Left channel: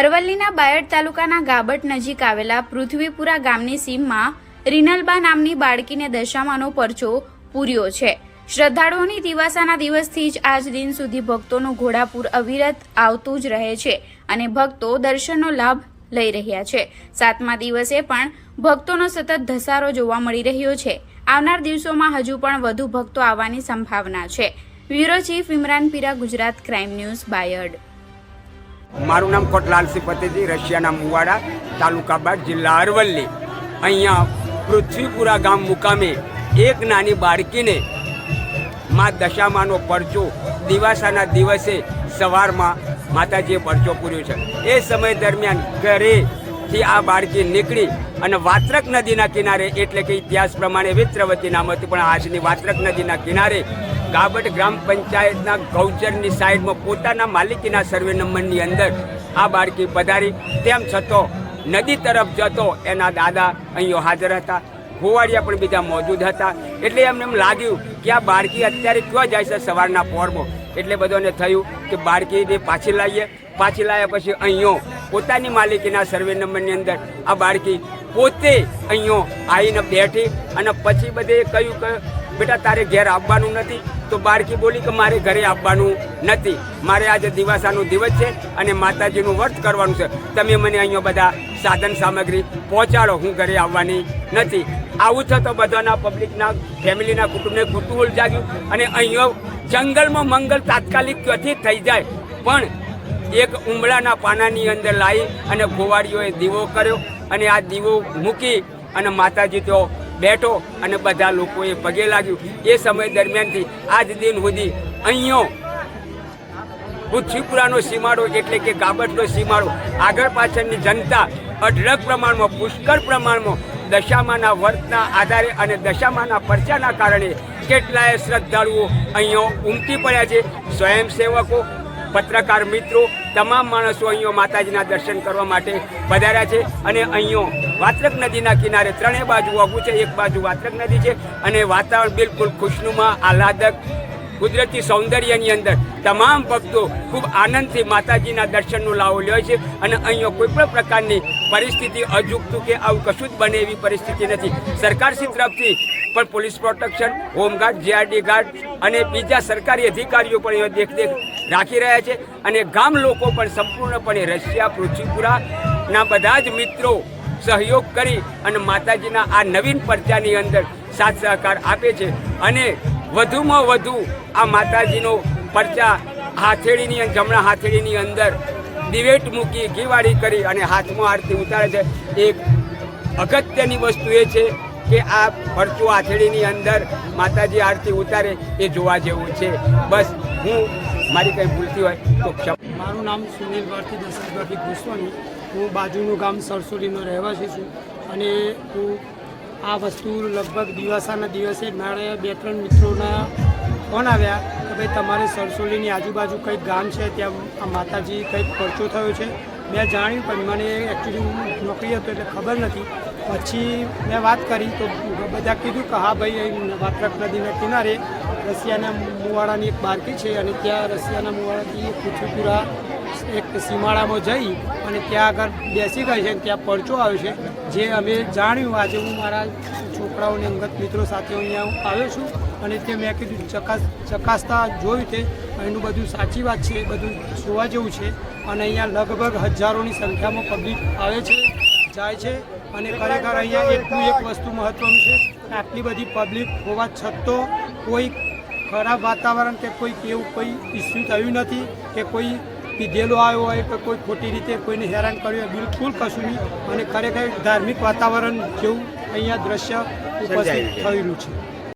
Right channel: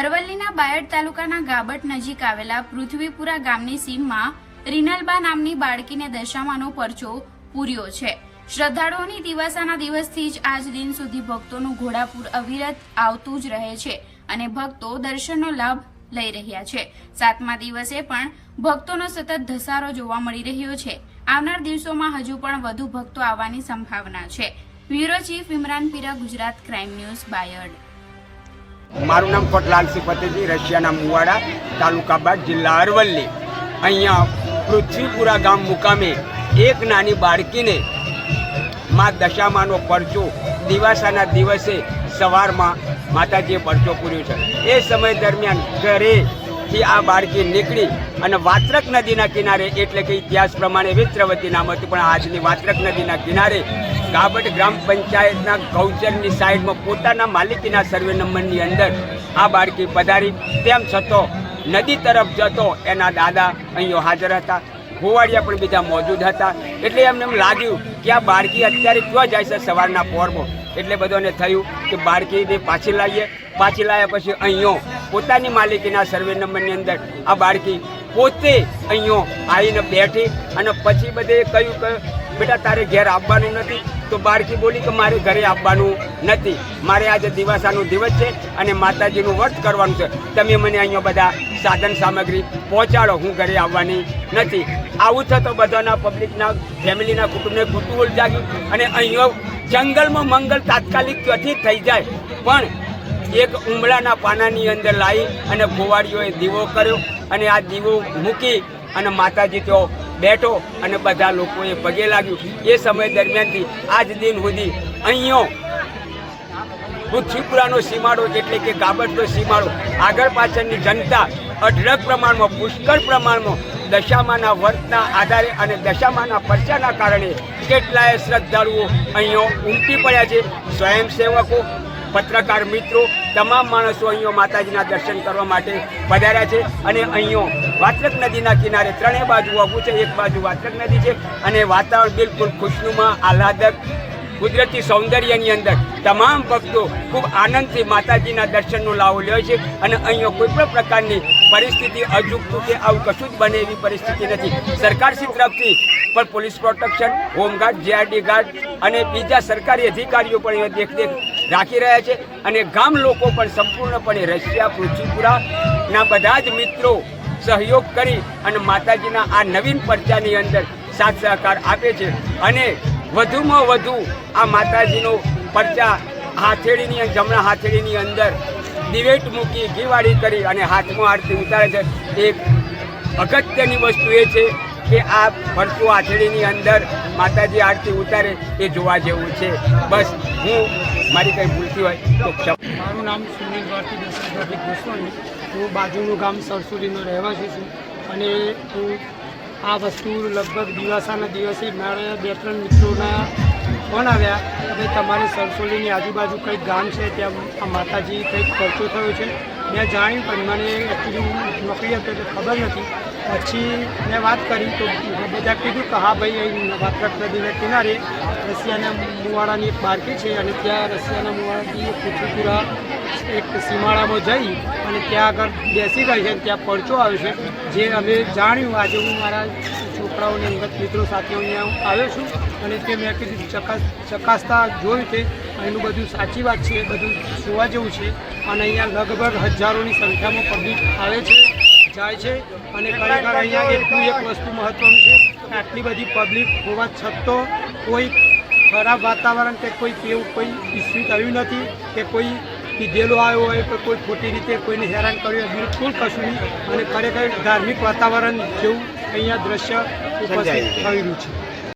અરવલ્લીના બાયડ તાલુકાના ગાબટ નજીક આવેલા પૃથ્વીપુરા ગામની સીમમાં રીનલબા નામની બાળકીને દશામાનો પરચો પૂર્યો છે. શ્રદ્ધાળુઓની દિવાસાના દિવસથી જ આજ દિન સુધી ભક્તોનું ઘોડાપુર અવિરત આવતું જ રહે છે અને ભક્તો દર્શનનો લાભ લઈ રહ્યા છે. સાતમા દિવસે પણ ભક્તોનો સતત ધસારો જોવા મળી રહ્યો છે. આવનાર દિવસોમાં હજુ પણ વધુ ભક્તો આવવાની સંભાવના છે. Bureau chief Imran Pira, Gujarat crime news, Bayad. મારું નામ કોટલાલસિંહ પતેજી રશિયાના મુવાડા, તાલુકા બાદ જિલ્લા અરવલ્લી. અહીંયા પૃથ્વીપુરા ગામ મુકામે એક નાની બાળકીને મા દશામાનો પરચો દિવાસાના દિવસે સવારમાં માતાજીએ પરચો પૂર્યો છે. એ સમય દરમિયાન ઘરેથી આ બાળકી નીકળી અને વાત્રક નદીના કિનારે, એટલે કે ઇતિહાસ પ્રમાણે વિત્રવતી નામ હતું પણ આજની વાત્રક નદીના કિનારે ગાબટ ગ્રામ પંચાયતના ગૌચરની સાઈડમાં પોતાના માલિકીના સર્વે નંબરની અંદર આ બાળકી પધારી. તેમ છતાં નદી તરફ જતો એના દાદા અહીંયા હાજર હતા. ગોવાળિયા પણ બીજા મોજૂદ હતા. એટલે એમને એમ લાગ્યું કે આ બાળકી અત્યારે ક્યાં જાય છે સવારના પોરમાં. એટલે બધોને થયું કે બાળકીને પાછી લાવીએ. પાછી લાવ્યા પછી અહીંયો પોતાની માલિકીના સર્વે નંબરની અંદર આ બાળકી પોતે અહીંયો આવીને બેઠી અને પછી બધે કહ્યું કે, બેટા, તારે ઘેર આવવાનું નથી. તો બાળકી બોલી કે, મારે ઘરે આવવાનું નથી. મારે આજે દિવાસાનો દિવસ છે અને માતાજીનું વ્રત કરવાનું છે. તમે મને અહીંયા બધા સાધન સામગ્રી પહોંચાડો. હું ઘરે આવવાની નથી. આવું થતો બધાના પબ્લિકના, ફેમિલીના કુટુંબને કુતુહલ જાગ્યું અને અહીંયા જંગલમાં મંગલ તાત્કાલિક ક્યાંથી થઈ જાય. પણ એક ઉમળાના પાનાની અંદર લાવી અને ગોવાળીઓએ દીવો કર્યો અને આ દીવો મૂકી અને માતાજી તો બેઠો અને બધા લોકોએ પગે લાગ્યું. એ સમય દરમિયાનથી આજ દિન સુધી અહીંયો પૃથ્વીપુરાનો સીમાડો એટલે કે ગાબટનો સીમાડો આગળ પાછળની જનતા અઢળક પ્રમાણમાં, પુષ્કળ પ્રમાણમાં દશામાના વર્તના આધારે અને દશામાના પરચાના કારણે કેટલાય શ્રદ્ધાળુઓ અહીંયો ઉમટી પડ્યા છે. સ્વયંસેવકો પત્રકાર મિત્રો તમામ માણસો અહીંયા માતાજીના દર્શન કરવા માટે પધાર્યા છે. અને અહીંયો વાત્રક નદીના કિનારે ત્રણેય બાજુ વગું છે. એક બાજુ વાત્રક નદી છે અને વાતાવરણ બિલકુલ ખુશનુમા, આહલાદક, કુદરતી સૌંદર્યની અંદર તમામ ભક્તો ખૂબ આનંદથી માતાજીના દર્શનનો લાવો લે છે. અને અહીંયા કોઈ પણ પ્રકારની પરિસ્થિતિ અજુગતું કે આવું કશું જ બને એવી પરિસ્થિતિ નથી. સરકારશ્રી તરફથી પણ police protection, home guard, GRD guard અને બીજા સરકારી અધિકારીઓ પણ દેખરેખ રાખી રહ્યા છે અને ગામ લોકો પણ સંપૂર્ણપણે રશિયા, પૃથ્વીપુરાના બધા જ મિત્રો સહયોગ કરી અને માતાજીના આ નવીન પરચાની અંદર સાથ સહકાર આપે છે. અને વધુમાં વધુ આ માતાજીનો પરચા હાથેળીની, જમણા હાથેળીની અંદર દિવેટ મૂકી ઘીવાળી કરી અને હાથમાં આરતી ઉતારે છે. એક અગત્યની વસ્તુ એ છે કે આ પરચું હાથેળીની અંદર માતાજી આરતી ઉતારે એ જોવા જેવું છે. બસ હું મારી કંઈ ભૂલતી હોય તો મારું નામ સુનિલ ભારતી દશરથભાઈ ગોસ્વામી હું બાજુનું ગામ સરસોલીનો રહેવાસી છું અને હું આ વસ્તુ લગભગ દિવાસાના દિવસે મારા બે ત્રણ મિત્રોના ફોન આવ્યા કે ભાઈ તમારે સરસોલીની આજુબાજુ કંઈક ગામ છે, ત્યાં આ માતાજી કંઈક ખર્ચો થયો છે. મેં જાણ્યું પણ મને એકચ્યુઅલી હું નોકરી હતો એટલે ખબર નથી. પછી મેં વાત કરી તો બધા કીધું કે હા ભાઈ, અહીં વાત્રક નદીના કિનારે રશિયાના મુવાડાની એક બારકી છે અને ત્યાં રશિયાના મુવાડાથી પૃથ્વીપુરા એક સીમાડામાં જઈ અને ત્યાં આગળ બેસી ગઈ છે ત્યાં પડચો આવ્યો છે. જે અમે જાણ્યું, આજે હું મારા છોકરાઓને અંગત મિત્રો સાથે અહીંયા આવ્યો છું અને તે મેં કીધું ચકાસ ચકાસતા જોયું તે એનું બધું સાચી વાત છે બધું જોવા જેવું છે. અને અહીંયા લગભગ હજારોની સંખ્યામાં પબ્લિક આવે છે જાય છે. અને ખરેખર અહીંયા એટલું એક વસ્તુ મહત્ત્વનું છે કે આટલી બધી પબ્લિક હોવા છતાં કોઈ ખરાબ વાતાવરણ કે કોઈ કેવું કોઈ ઇસ્યુ થયું નથી કે કોઈ પીધેલો આવ્યો હોય કે કોઈ ખોટી રીતે કોઈને હેરાન કર્યું હોય બિલકુલ કશું નહીં. અને ખરેખર ધાર્મિક વાતાવરણ જેવું અહીંયા દ્રશ્ય ઉપસ્થિત થઈ રહ્યું છે.